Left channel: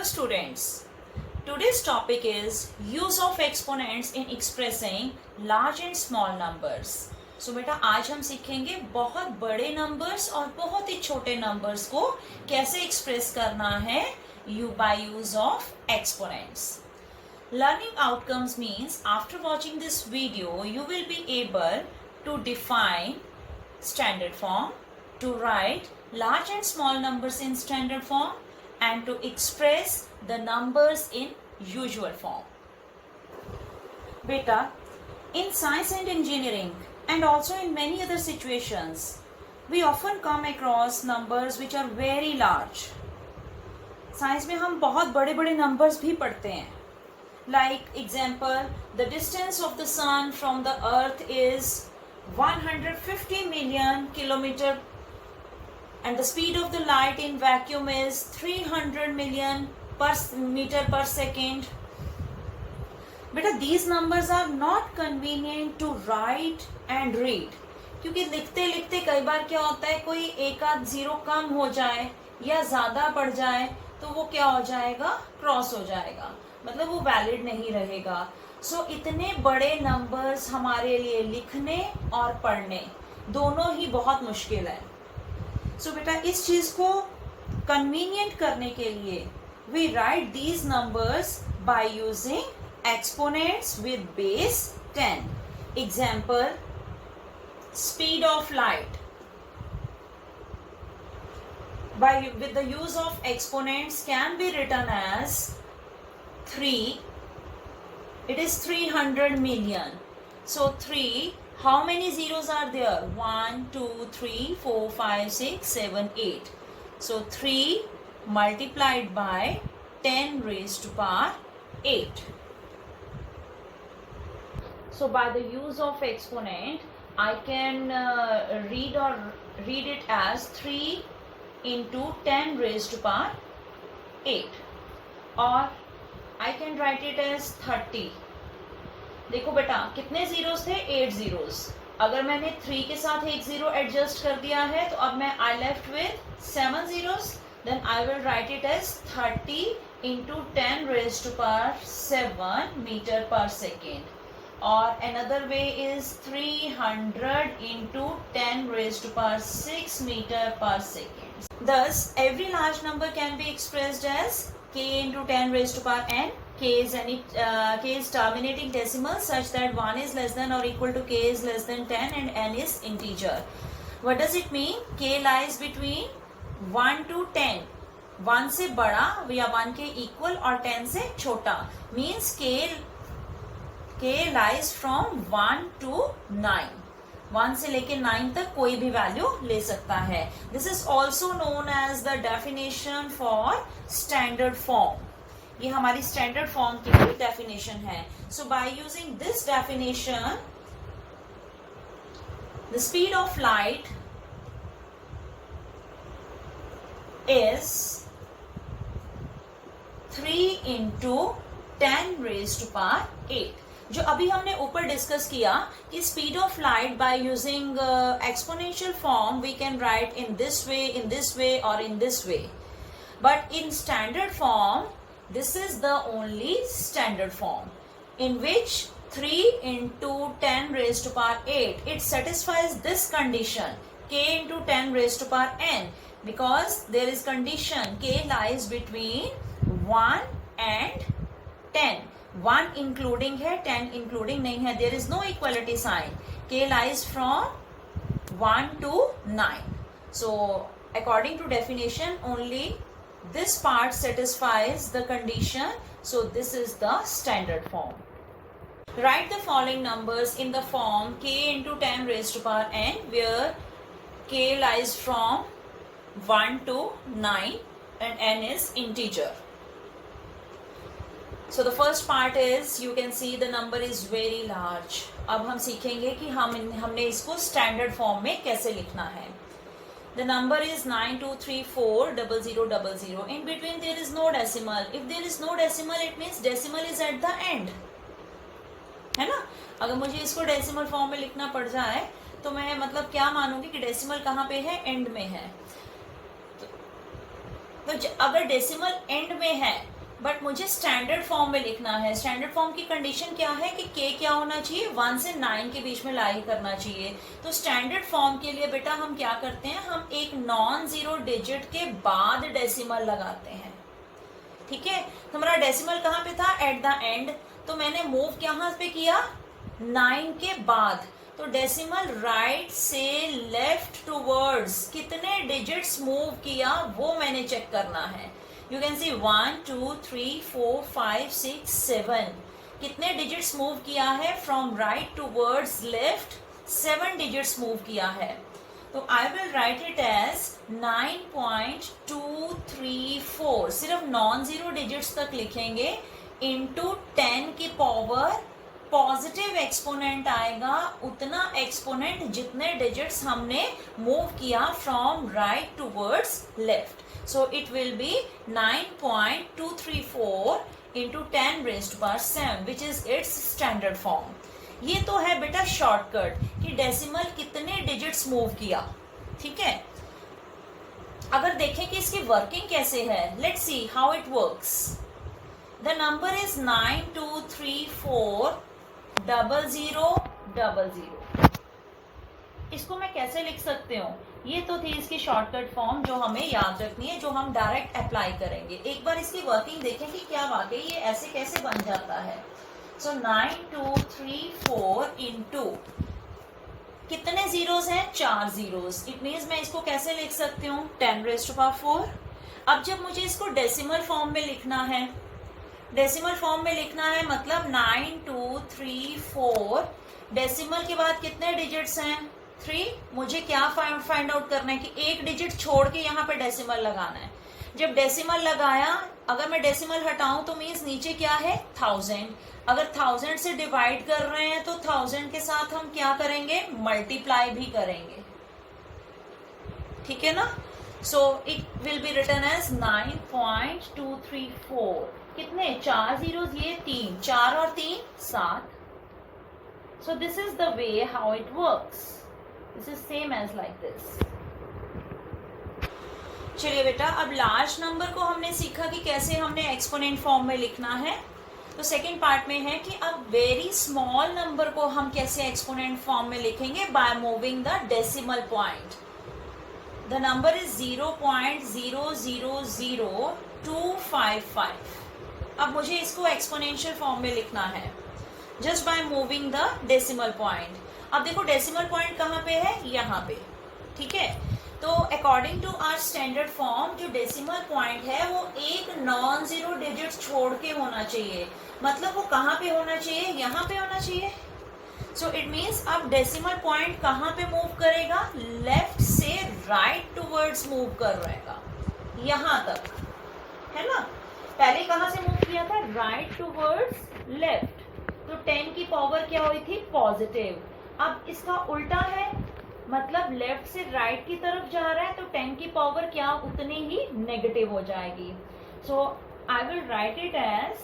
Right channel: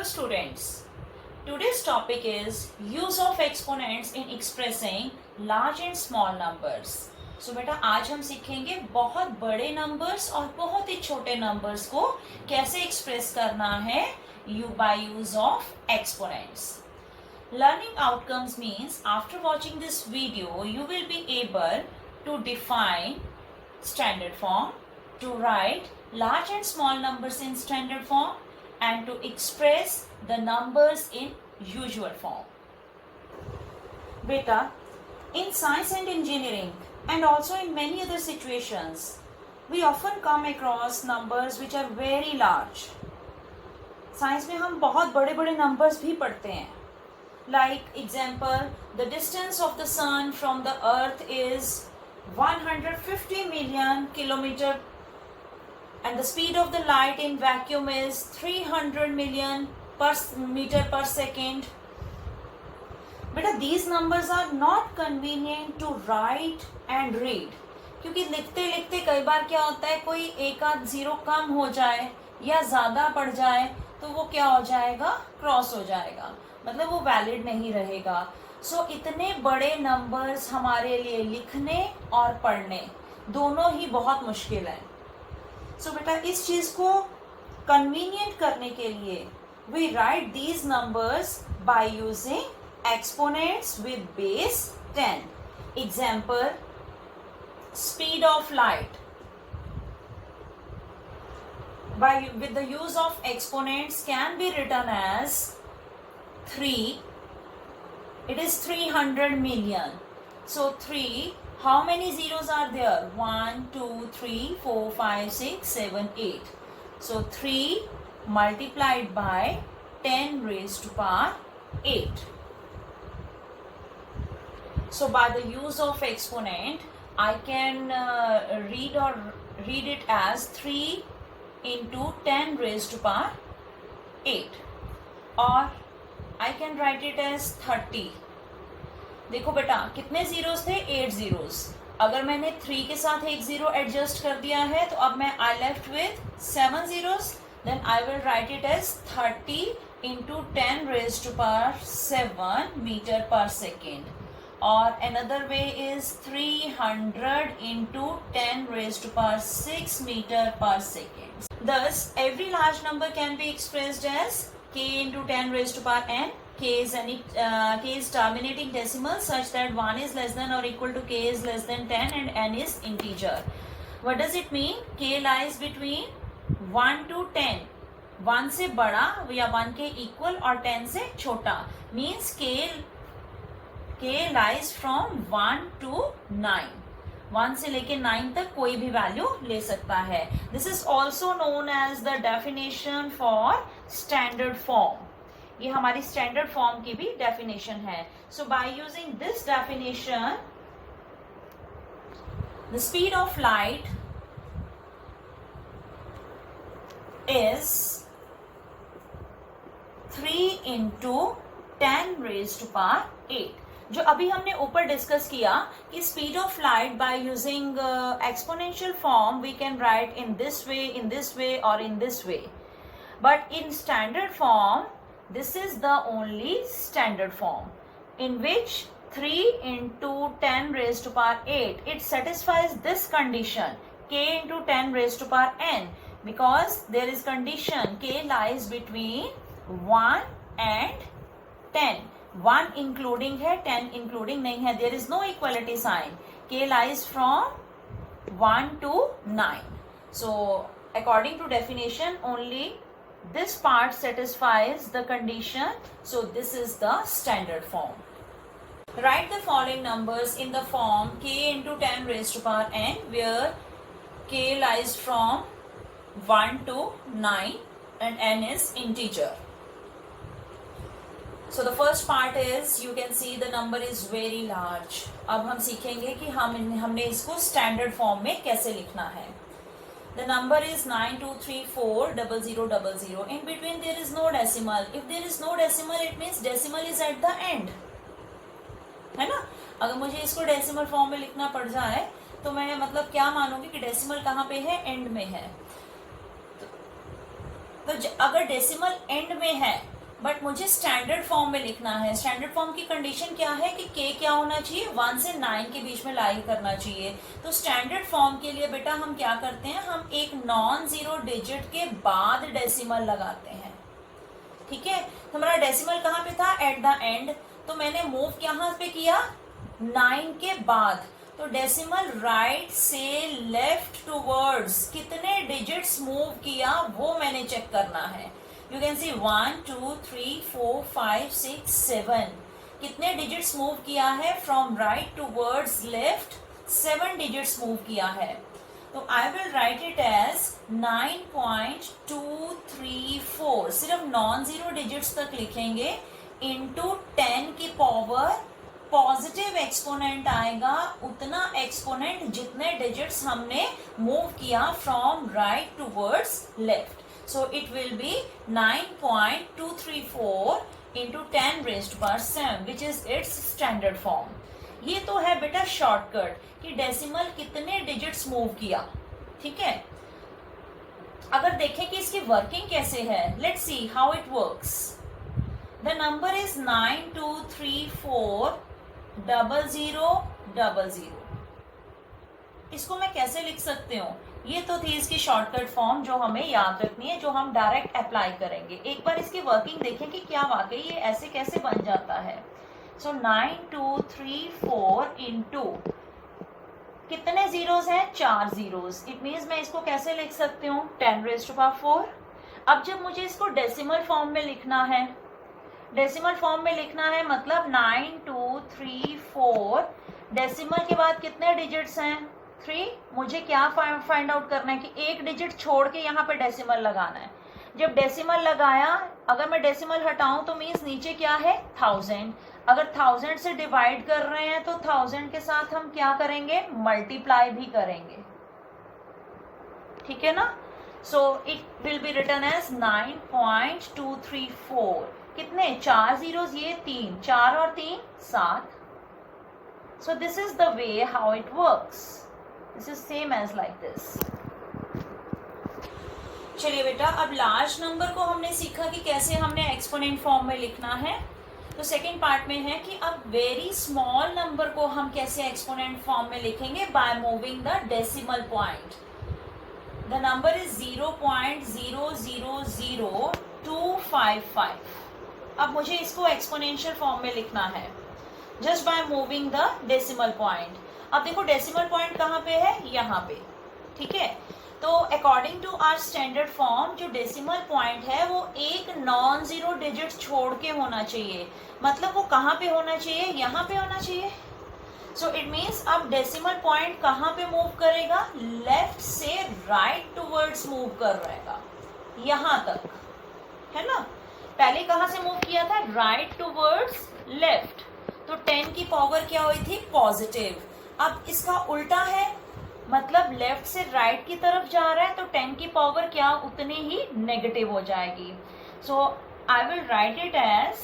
Hello students, today's topic is use of exponents in expressing large and small numbers. So बेटा आज हम सीखेंगे बहुत बड़े नंबर्स और बहुत ही छोटे नंबर्स को कैसे एक्सप्रेस करना है by use of exponents. Learning outcomes means after watching this video you will be able to define standard form, to write large and small numbers in standard form, and to express the numbers in usual form. Beta, in science and engineering and also in many other situations, we often come across numbers which are very large. Science में हम बहुत बड़े बड़े numbers भी पढ़ते हैं. Like example, the distance of the sun from the earth is 150 million kilometer and the speed of the light in vacuum is 300 million meter per second. Beta, these numbers are not convenient to write and read. क्योंकि लिखते लिखते कई बार क्या होता है कोई एक आध जीरो कम हो जाए या ज्यादा पड़ जाए तो वो क्या हो जाएगा, क्रॉस हो जाएगा, मतलब वो वैलिड नहीं रहेगा. सो इतने बड़े नंबर्स हमारे लिए लिखने और पढ़ने दोनों ही बहुत मुश्किल है. सो बेटा इस चीज को कन्वीनियंट करने के लिए we write these numbers by using exponents with base 10. Example, speed of light. With the use of exponents can be written as 3. It is 300 million. So 3, how many zeros are there? 1, 2, 3, 4, 5, 6, 7, 8. So 3 multiplied by 10 raised to power 8. So by the use of exponent, I can read it as 3 into 10 raised to power 8, or I can write it as 30. देखो बेटा कितने zeros थे, 8 zeros. अगर मैंने 3 के साथ एक zero adjust कर दिया है तो अब मैं I left with 7 zeros. Then I will write it as 30 into 10 raised to power 7 meter per second. Or another way is 300 into 10 raised to power 6 meter per second. Thus, every large number can be expressed as k into 10 raised to power n. K is terminating decimal such that 1 is less than or equal to k is less than 10 and n is integer. What does it mean? K lies between 1 to 10. 1 से बड़ा या 1 के equal और 10 से छोटा. Means K lies from 1 to 9. 1 से लेके 9 तक कोई भी वैल्यू ले सकता है. This is also known as the definition for standard form. ये हमारी स्टैंडर्ड फॉर्म की भी डेफिनेशन है. So by using this definition, the speed of light is 3 into 10 raised to power 8. जो अभी हमने ऊपर डिस्कस किया कि speed of light by using exponential form we can write in this way और in this way. But in standard form, this is the only standard form in which 3 into 10 raised to power 8, it satisfies this condition, k into 10 raised to power n, because there is condition k lies between 1 and 10. 1 including है, 10 including नहीं है. There is no equality sign. K lies from 1 to 9. So according to definition, only this part satisfies the condition. So this is the standard form. Write the following numbers in the form k into 10 raised to power n, where k lies from 1 to 9 and n is integer. So the first part is, you can see the number is very large. अब हम सीखेंगे कि हमने इसको standard form में कैसे लिखना है. The number is 92340000. In between there is no decimal. If there is no decimal, it means decimal is at the end. है ना? अगर मुझे इसको डेसिमल फॉर्म में लिखना पड़ जाए तो मैं मतलब क्या मानूंगी कि डेसिमल कहाँ पे है, एंड में है. तो अगर डेसिमल एंड में है बट मुझे स्टैंडर्ड फॉर्म में लिखना है, स्टैंडर्ड फॉर्म की कंडीशन क्या है कि k क्या होना चाहिए, 1 से 9 के बीच में लाई करना चाहिए। तो स्टैंडर्ड फॉर्म के लिए बेटा हम क्या करते हैं, हम एक नॉन जीरो डिजिट के बाद डेसिमल लगाते हैं। ठीक है, हमारा डेसिमल कहाँ पे था, एट द एंड, तो मैंने मूव कहाँ पे किया, 9 के बाद। तो डेसिमल राइट से लेफ्ट टूवर्ड्स कितने डिजिट्स मूव किया वो मैंने चेक करना है। यू कैन सी 1 2 3 4 5 6 7 कितने डिजिट्स मूव किया है, from right towards left 7 digits move किया है। तो I will write it as 9.234, सिर्फ नॉन जीरो डिजिट्स तक लिखेंगे, इंटू 10 की पावर पॉजिटिव एक्सपोनेंट आएगा, उतना एक्सपोनेंट जितने डिजिट्स हमने मूव किया from right towards left. So it will B 9.234 into 10 raised power 7 which is it's standard form. ये तो है बेटा शॉर्टकट कि डेसिमल कितने डिजिट्स मूव किया। ठीक है, अगर देखें कि इसकी वर्किंग कैसे है, let's see how it works. The number is 92340000। इसको मैं कैसे लिख सकती हूँ, ये तो थी इसकी शॉर्टकट फॉर्म जो हमें याद रखनी है, जो हम डायरेक्ट अप्लाई करेंगे। एक बार इसकी वर्किंग देखें कि क्या वाकई ये ऐसे कैसे बन जाता है। सो 9234 इंटू कितने जीरोस हैं, 4 जीरोस। इट मीन्स मैं इसको कैसे लिख सकती हूँ, 10 रेज़्ड टू पावर 4। अब जब मुझे इसको डेसिमल फॉर्म में लिखना है, डेसिमल फॉर्म में लिखना है मतलब 9234 डेसिमल के बाद कितने डिजिट्स हैं, 3। मुझे क्या फाइंड आउट करना है कि एक डिजिट छोड़ के यहाँ पे डेसिमल लगाना है। जब डेसिमल लगाया, अगर मैं डेसिमल हटाऊं तो मीन्स नीचे क्या है, 1000। अगर 1000 से डिवाइड कर रहे हैं तो 1000 के साथ हम क्या करेंगे, मल्टीप्लाई भी करेंगे। ठीक है ना। So it will be written as 9.234। कितने, 4 जीरोस, ये 3, 4 और 3 7। So this is the way how it works. This is same as like this. चलिए बेटा, अब लार्ज नंबर को हमने सीखा कि कैसे हमने एक्सपोनेंट फॉर्म में लिखना है। तो सेकेंड पार्ट में है कि अब वेरी स्मॉल नंबर को हम कैसे एक्सपोनेंट फॉर्म में लिखेंगे, by moving the decimal point. The number is 0.000255। अब मुझे इसको एक्सपोनेंशियल फॉर्म में लिखना है just by moving the decimal point. अब देखो डेसिमल पॉइंट कहाँ पे है, यहाँ पे। ठीक है, तो according to our standard form जो डेसिमल पॉइंट है वो एक नॉन जीरो डिजिट छोड़ के होना चाहिए। मतलब वो कहाँ पे होना चाहिए, यहाँ पे होना चाहिए। सो इट मीन्स अब डेसिमल पॉइंट कहाँ पे मूव करेगा, लेफ्ट से राइट टूवर्ड्स मूव कर रहेगा, यहाँ तक, है ना। पहले कहाँ से मूव किया था, राइट टूवर्ड्स लेफ्ट। तो 10 की पावर क्या हुई थी, पॉजिटिव। अब इसका उल्टा है, मतलब लेफ्ट से राइट की तरफ जा रहा है, तो 10 की पावर क्या, उतनी ही नेगेटिव हो जाएगी। So I will write it as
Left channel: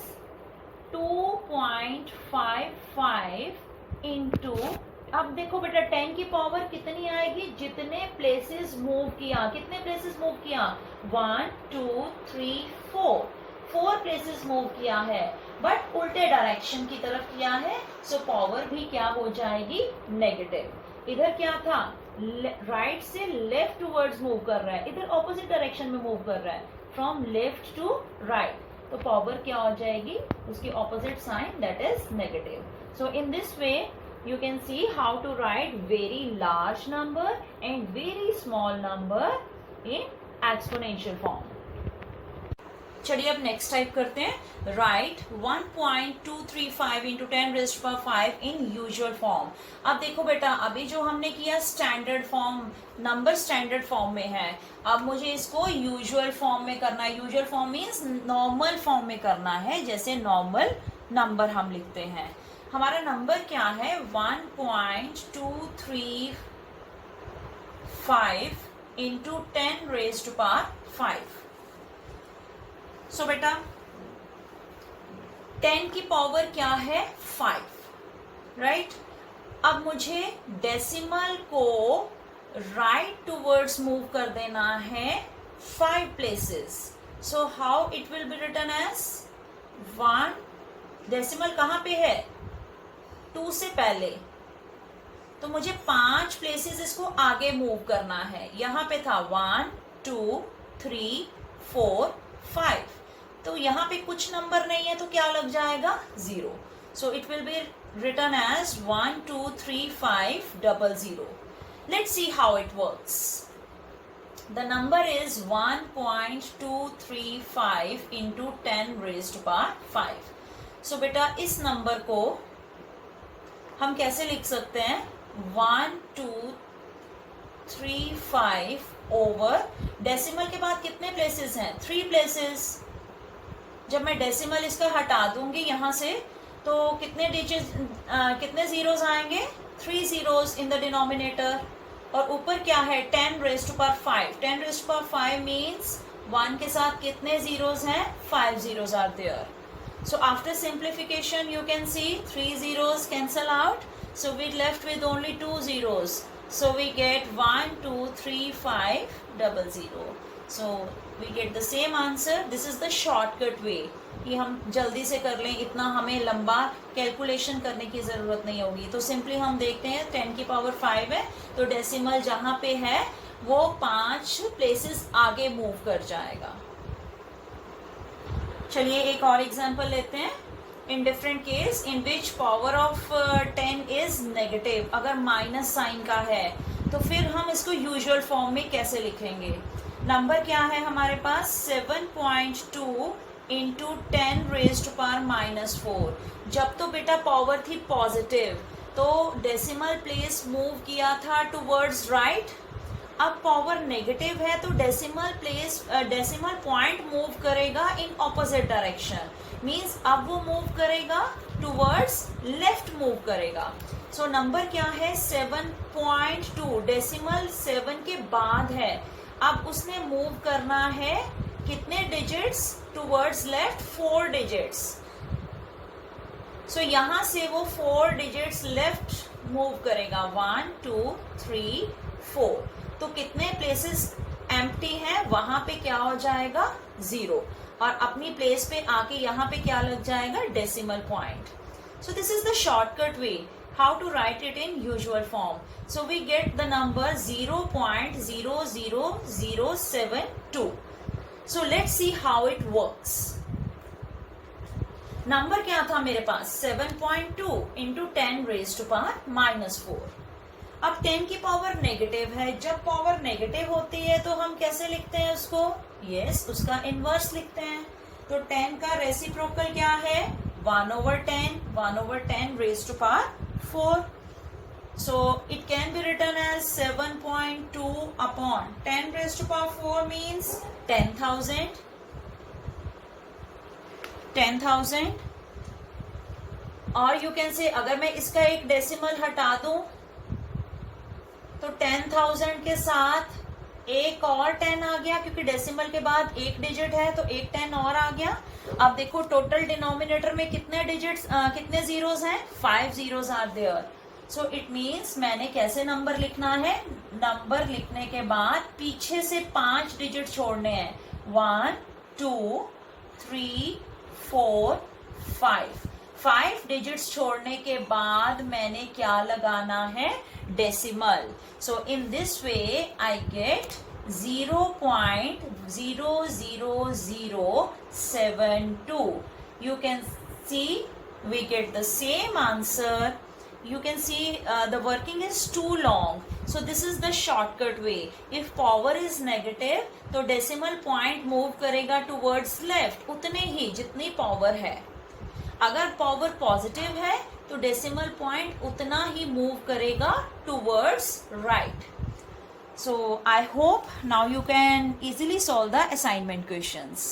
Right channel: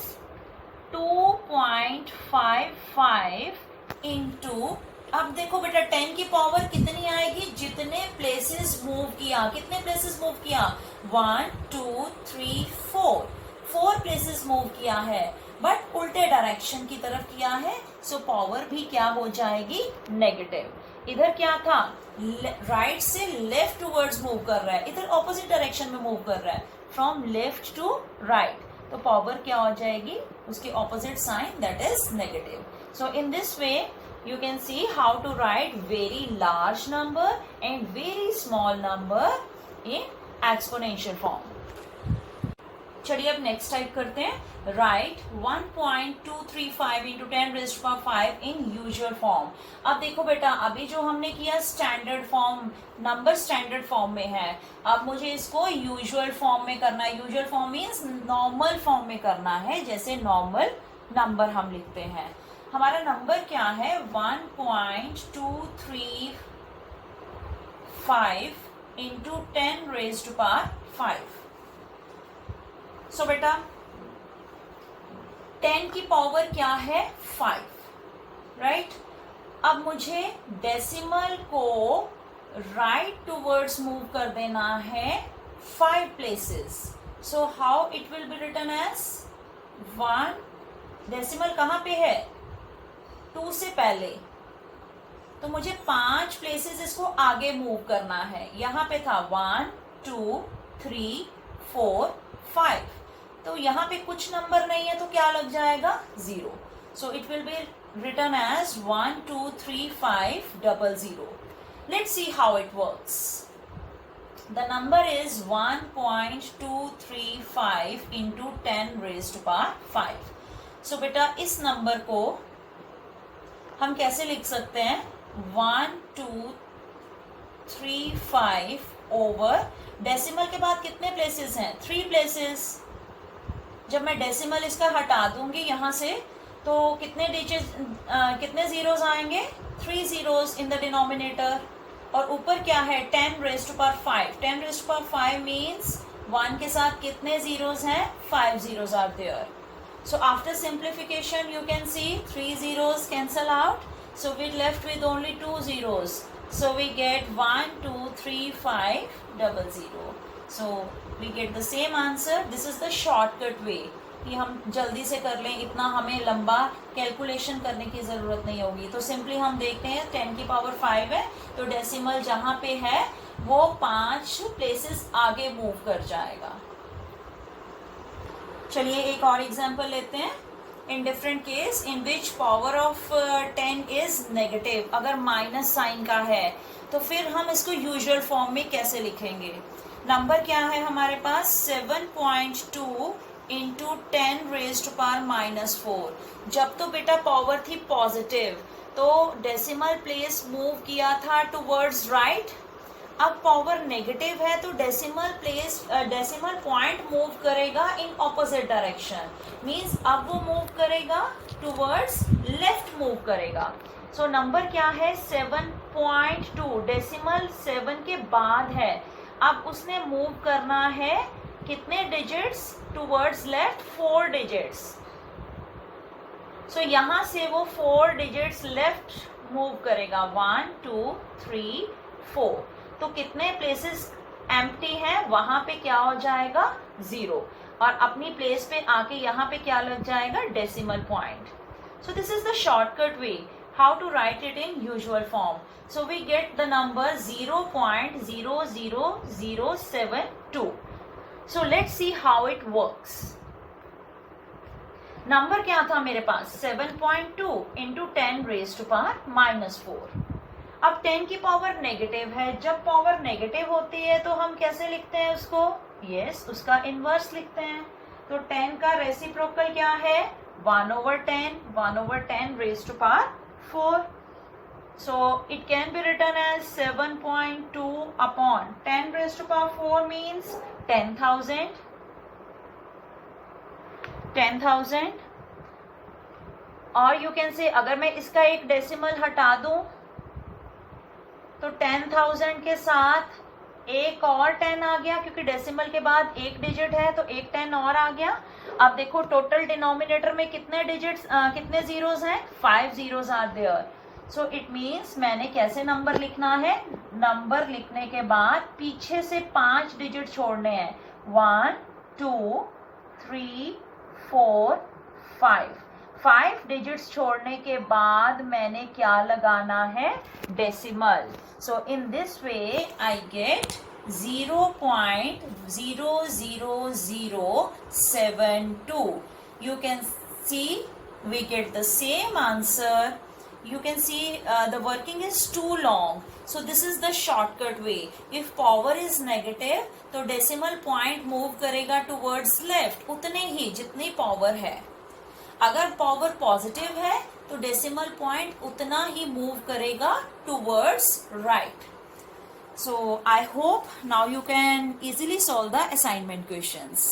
2.55 into, अब देखो बेटा 10 की पावर कितनी आएगी, जितने प्लेसेस मूव किया। कितने प्लेसेस मूव किया, 1 2 3 4 प्लेसेस मूव किया है, बट उल्टे डायरेक्शन की तरफ किया है। सो पावर भी क्या हो जाएगी, नेगेटिव। इधर क्या था, राइट से लेफ्ट टूवर्ड्स मूव कर रहा है, इधर ऑपोजिट डायरेक्शन में मूव कर रहा है, फ्रॉम लेफ्ट टू राइट। तो पावर क्या हो जाएगी, उसकी opposite sign, that is negative. So in this way you can see how to write very large number and very small number in exponential form. चलिए अब नेक्स्ट टाइप करते हैं, right 1.235 into 10 raised power 5 इन usual form. अब देखो बेटा, अभी जो हमने किया standard form, number standard form में है, अब मुझे इसको यूजुअल फॉर्म में करना है। Usual form means normal form में करना है, जैसे नॉर्मल नंबर हम लिखते हैं। हमारा नंबर क्या है, 1.235 इंटू 10 रेज़्ड पावर 5। सो बेटा 10 की पावर क्या है, 5, राइट। अब मुझे डेसिमल को राइट टूवर्ड्स मूव कर देना है 5 places. So how it will be written as 1, decimal कहाँ पे है, 2 से पहले, तो मुझे 5 प्लेसेस इसको आगे मूव करना है। यहां पे था 1 2 3 4 5, तो यहाँ पे कुछ नंबर नहीं है तो क्या लग जाएगा, 0। सो it will B written as 1 2 3 5 0 0. Let's see how it works. The number is 1.235 into 10 raised to power 5. So बेटा इस नंबर को हम कैसे लिख सकते हैं, 1235 ओवर, डेसिमल के बाद कितने प्लेसेस हैं, 3 प्लेसेस। जब मैं डेसिमल इसका हटा दूंगी यहां से तो कितने डिजिट कितने जीरोस आएंगे, 3 जीरोस इन द डिनोमिनेटर। और ऊपर क्या है, 10 raise to power 5। 10 raise to power 5 means 1 के साथ कितने जीरोस हैं, 5 zeros are there. So after simplification you can see 3 zeros cancel out, so we left with only 2 zeros. So we get 1 2 3 5 0 0. So we get the same answer. This is the shortcut way. कि हम जल्दी से कर लें, इतना हमें लंबा calculation करने की जरूरत नहीं होगी। तो सिंपली हम देखते हैं 10 की पावर 5 है तो डेसिमल जहां पे है वो 5 प्लेसेस आगे मूव कर जाएगा। चलिए एक और एग्जांपल लेते हैं। In different case in which power of 10 is negative, अगर माइनस साइन का है तो फिर हम इसको यूजुअल फॉर्म में कैसे लिखेंगे। नंबर क्या है हमारे पास, 7.2 इंटू 10 रेज़ टू पावर -4। जब तो बेटा पावर थी पॉजिटिव तो डेसिमल प्लेस मूव किया था टुवर्ड्स राइट। अब पावर नेगेटिव है तो डेसिमल पॉइंट मूव करेगा इन ऑपोजिट डायरेक्शन, मींस अब वो मूव करेगा टुवर्ड्स लेफ्ट मूव करेगा। सो नंबर क्या है, 7.2, डेसिमल 7 के बाद है। अब उसने मूव करना है कितने डिजिट्स टुवर्ड्स लेफ्ट, 4 डिजिट्स। सो यहां से वो 4 डिजिट्स लेफ्ट मूव करेगा, 1 2 3 4। तो कितने प्लेसेस एम्प्टी हैं, वहां पे क्या हो जाएगा, 0, और अपनी प्लेस पे आके यहाँ पे क्या लग जाएगा, decimal point. So this is the shortcut way how to write it in usual form. So we get the number 0.00072. So let's see how it works. Number क्या था मेरे पास, 7.2 इंटू 10 रेज़ टू पावर -4। अब 10 की power negative है, जब power negative होती है तो हम कैसे लिखते हैं उसको, यस उसका इनवर्स लिखते हैं। तो 10 का रेसिप्रोकल क्या है, 1/10 raise to power 4. So it can be written as 7.2 upon 10 raised to power 4 means 10,000. 10,000. और you can say अगर मैं इसका एक डेसिमल हटा दूं तो 10,000 के साथ एक और 10 आ गया, क्योंकि डेसिमल के बाद एक डिजिट है तो एक 10 और आ गया। अब देखो टोटल डिनोमिनेटर में कितने डिजिट्स कितने जीरोस हैं, 5 zeros are there. So it means मैंने कैसे नंबर लिखना है, नंबर लिखने के बाद पीछे से 5 डिजिट छोड़ने हैं, 1 2 3 4 5। 5 डिजिट्स छोड़ने के बाद मैंने क्या लगाना है, decimal. So in this way I get 0.00072. You can see we get the same answer. You can see the working is too long, so this is the shortcut way. If power is negative तो decimal point move करेगा towards left उतने ही जितनी power है। अगर power positive है तो decimal point उतना ही move करेगा towards right. So I hope now you can easily solve the assignment questions.